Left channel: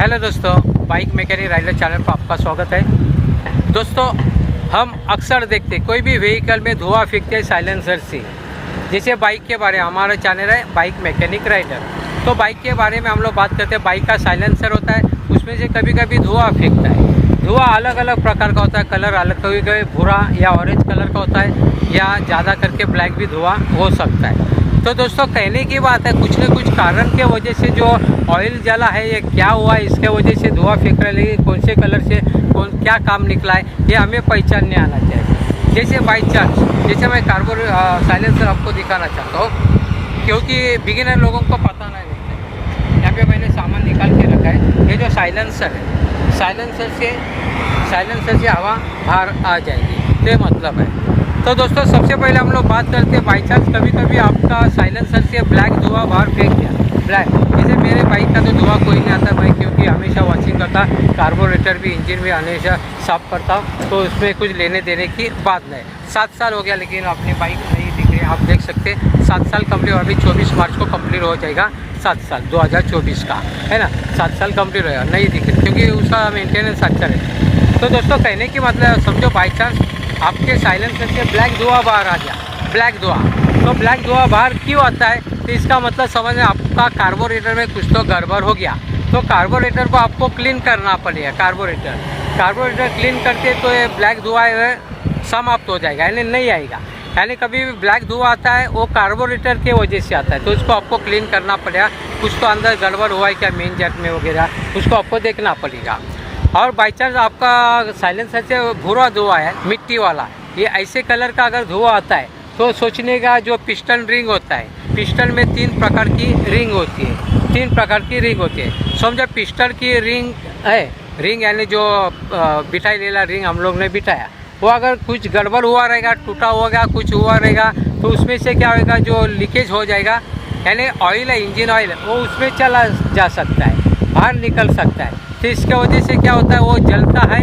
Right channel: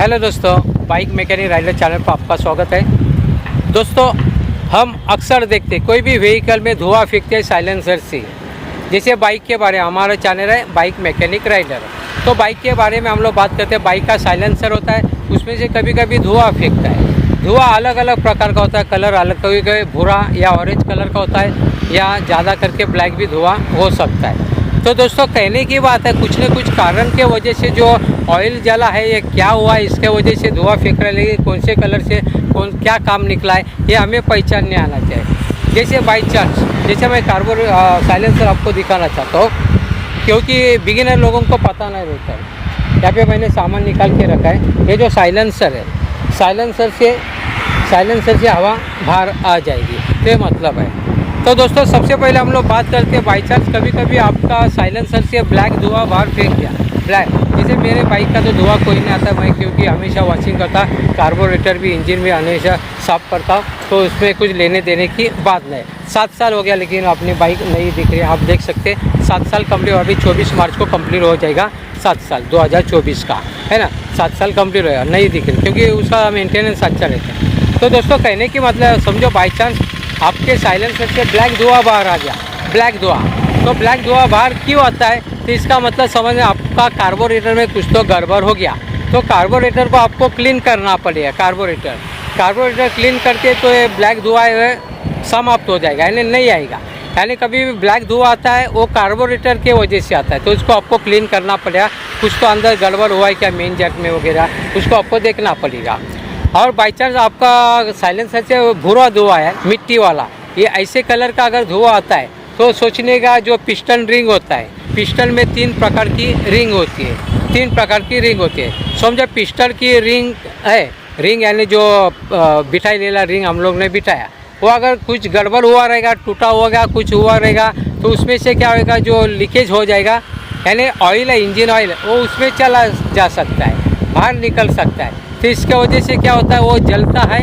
Hello दोस्तों, bike mechanic rider channel पर आपका स्वागत है। दोस्तों, हम अक्सर देखते कोई भी व्हीकल में धुआं फेंकते हैं साइलेंसर से। जैसे बाइक के बारे में हमारा चैनल है बाइक मैकेनिक राइडर, तो बाइक के बारे में हम लोग बात करते हैं। बाइक का साइलेंसर होता है, उसमें से कभी कभी धुआं फेंकता है। धुआं अलग अलग प्रकार का होता है, कलर अलग, कभी कभी भूरा या ऑरेंज कलर का होता है, या ज़्यादा करके ब्लैक भी धुआं हो सकता है। तो दोस्तों, कहने की बात है, कुछ न कुछ कारण के वजह से जो ऑयल जला है, ये क्या हुआ, इसके वजह से धुआं फेंक रहा है, लेकिन कौन से कलर से कौन क्या काम निकला है, ये हमें पहचानने आना चाहिए। जैसे बाई चांस, जैसे मैं कार्बो साइलेंसर आपको दिखाना चाहता हूँ, क्योंकि बिगिनर लोगों को पता नहीं रहता है। यहाँ पे मैंने सामान निकाल के रखा है। ये जो साइलेंसर है, साइलेंसर से हवा बाहर आ जाएगी, तो ये मतलब है। तो दोस्तों, सबसे पहले हम लोग बात करते हैं, बाई चांस कभी कभी आपका साइलेंसर से ब्लैक धुआं बाहर फेंक दिया। ब्लैक, जैसे मेरे बाइक का तो धुआं कोई नहीं आता, मैं क्योंकि हमेशा वॉशिंग करता, कार्बोरेटर भी, इंजन भी हमेशा साफ़ करता, तो उसमें कुछ लेने देने की बात नहीं। 7 साल हो गया, लेकिन अपनी बाइक नहीं दिख रही। आप देख सकते 7 साल कम्प्लीट, अभी 24 मार्च को कम्प्लीट हो जाएगा 7 साल 2024 का, है ना। 7 साल कम्प्लीट होगा, नहीं दिख रही, क्योंकि उसका मेंटेनेंस अच्छा रहता है। तो दोस्तों, कहने की मतलब, समझो बाई चांस आपके साइलेंसर से ब्लैक धुआं बाहर आ गया, ब्लैक धुआं। तो ब्लैक धुआं बाहर क्यों आता है, तो इसका मतलब समझ में, आपका कार्बोरेटर में कुछ तो गड़बड़ हो गया। तो कार्बोरेटर को आपको क्लीन करना पड़ेगा। कार्बोरेटर क्लीन करके तो ये ब्लैक धुआं समाप्त हो जाएगा, यानी नहीं आएगा। यानी कभी भी ब्लैक धुआं आता है, वो कार्बोरेटर के वजह से आता है, तो उसको आपको क्लीन करना पड़ेगा। कुछ तो अंदर गड़बड़ हुआ है क्या मेन जैक में वगैरह, उसको आपको देखना पड़ेगा। और बाई चांस आपका साइलेंसर से भूरा धुआं है, मिट्टी वाला, ये ऐसे कलर का अगर धुआं आता है, तो सोचने का जो पिस्टन रिंग होता है, पिस्टन में 3 प्रकार की रिंग होती है। 3 प्रकार की रिंग होती है। समझो पिस्टन की रिंग है, रिंग यानी जो बिठाई लेला रिंग हम लोग ने बिठाया, वो अगर कुछ गड़बड़ हुआ रहेगा, टूटा होगा, कुछ हुआ रहेगा, तो उसमें से क्या होगा, जो लीकेज हो जाएगा, यानी ऑयल है, इंजन ऑयल, वो उसमें चला जा सकता है, बाहर निकल सकता है। तो इसके वजह से क्या होता है, वो जलता है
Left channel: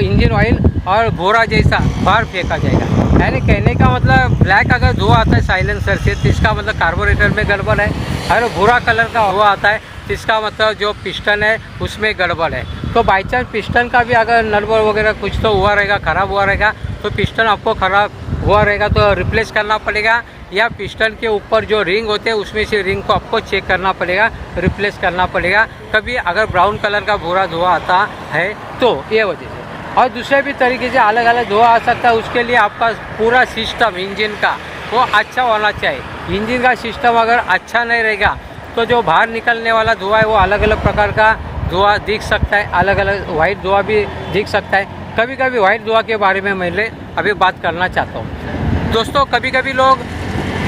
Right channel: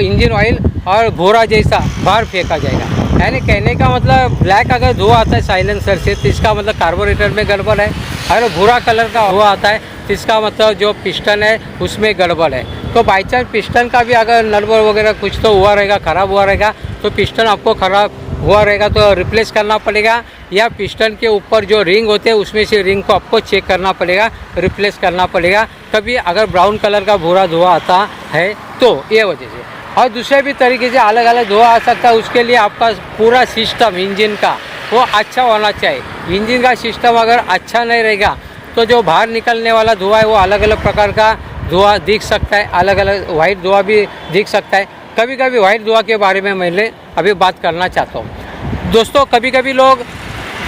इंजन ऑयल, और भूरा जैसा बाहर फेंका जाएगा। यानी कहने का मतलब, ब्लैक अगर धुआं आता है साइलेंसर से, तो इसका मतलब कार्बोरेटर में गड़बड़ है। और भूरा कलर का धुआं आता है, तो इसका मतलब जो पिस्टन है उसमें गड़बड़ है। तो बाई चांस पिस्टन का भी अगर नटबोल्ट वगैरह कुछ तो हुआ रहेगा, ख़राब हुआ रहेगा, तो पिस्टन आपको ख़राब हुआ रहेगा तो रिप्लेस करना पड़ेगा, या पिस्टन के ऊपर जो रिंग होते हैं उसमें से रिंग को आपको चेक करना पड़ेगा, रिप्लेस करना पड़ेगा। कभी अगर ब्राउन कलर का भूरा धुआं आता है, तो ये वजह से। और दूसरे भी तरीके से अलग अलग धुआं आ सकता है। उसके लिए आपका पूरा सिस्टम इंजन का वो अच्छा होना चाहिए। इंजन का सिस्टम अगर अच्छा नहीं रहेगा, तो जो बाहर निकलने वाला धुआं है, वो अलग अलग प्रकार का धुआं दिख सकता है, अलग अलग वाइट धुआं भी दिख सकता है। कभी कभी वाइट धुआं के बारे में मैं अभी बात करना चाहता हूँ। दोस्तों, कभी कभी लोग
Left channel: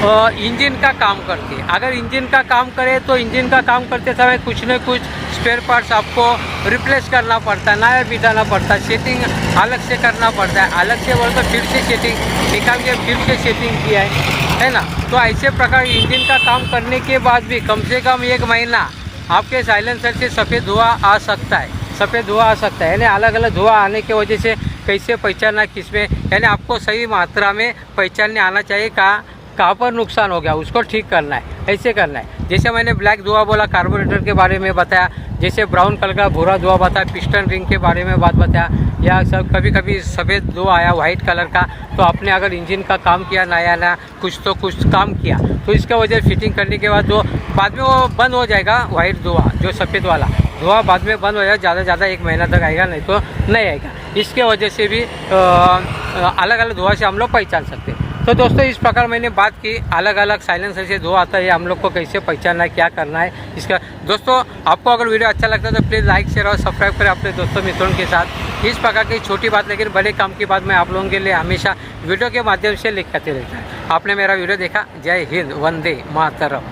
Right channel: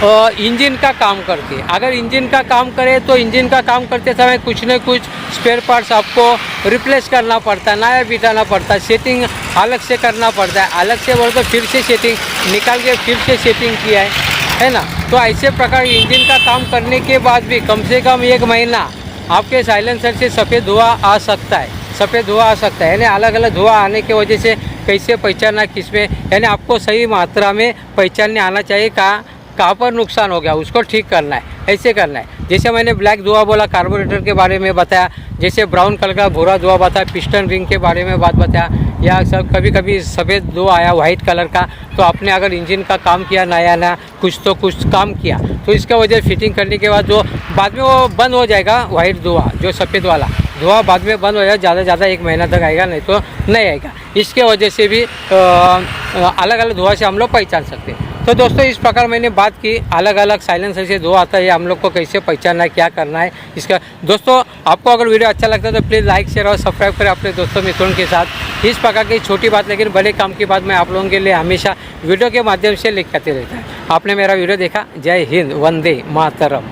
इंजन का काम करते हैं। अगर इंजन का काम करें, तो इंजन का काम करते समय कुछ न कुछ स्पेयर पार्ट्स आपको रिप्लेस करना पड़ता है, नया बिठाना पड़ता है, सेटिंग अलग से करना पड़ता है। अलग से बोलकर फिर से सेटिंग निकाल के फिर से सेटिंग किया है ना। तो ऐसे प्रकार इंजन का काम करने के बाद भी कम से कम 1 महीना आपके साइलेंसर से सफ़ेद धुआं आ सकता है, सफ़ेद धुआं आ सकता है। यानी अलग अलग धुआं आने की वजह से कैसे पहचानना किस में, यानी आपको सही मात्रा में पहचानने आना चाहिए कहाँ पर नुकसान हो गया, उसको ठीक करना है, ऐसे करना है। जैसे मैंने ब्लैक धुआं बोला, कार्बोरेटर के बारे में बताया, जैसे ब्राउन कलर का भूरा धुआं बताया, पिस्टन रिंग के बारे में बात बताया, या सब कभी कभी सफ़ेद धुआं आया वाइट कलर का, तो आपने अगर इंजन का काम किया, नया कुछ काम किया, तो इसका वजह फिटिंग करने के बाद जो बाद में वो बंद हो जाएगा, वाइट धुआं जो सफ़ेद वाला धुआं बाद में बंद हो जाएगा, ज़्यादा ज़्यादा 1 महीना तक आएगा, नहीं तो नहीं आएगा। इसके वजह से भी अलग अलग धुआं से हम लोग पहचान सकते हैं। तो दोस्तों, इस प्रकार मैंने बात की, अलग अलग साइलेंसर से धुआं आता है, हम लोग को कैसे पहचानना है, क्या करना है इसका। दोस्तों, आपको अगर वीडियो अच्छा लगता है तो प्लीज़ लाइक, शेयर और सब्सक्राइब करें अपने दोस्तों मित्रों के साथ। इस प्रकार की छोटी बात लेकिन बड़े काम की बात मैं आप लोगों के लिए हमेशा वीडियो के माध्यम से लेकर आते रहता है। आपने मेरा वीडियो देखा, जय हिंद, वंदे मातरम।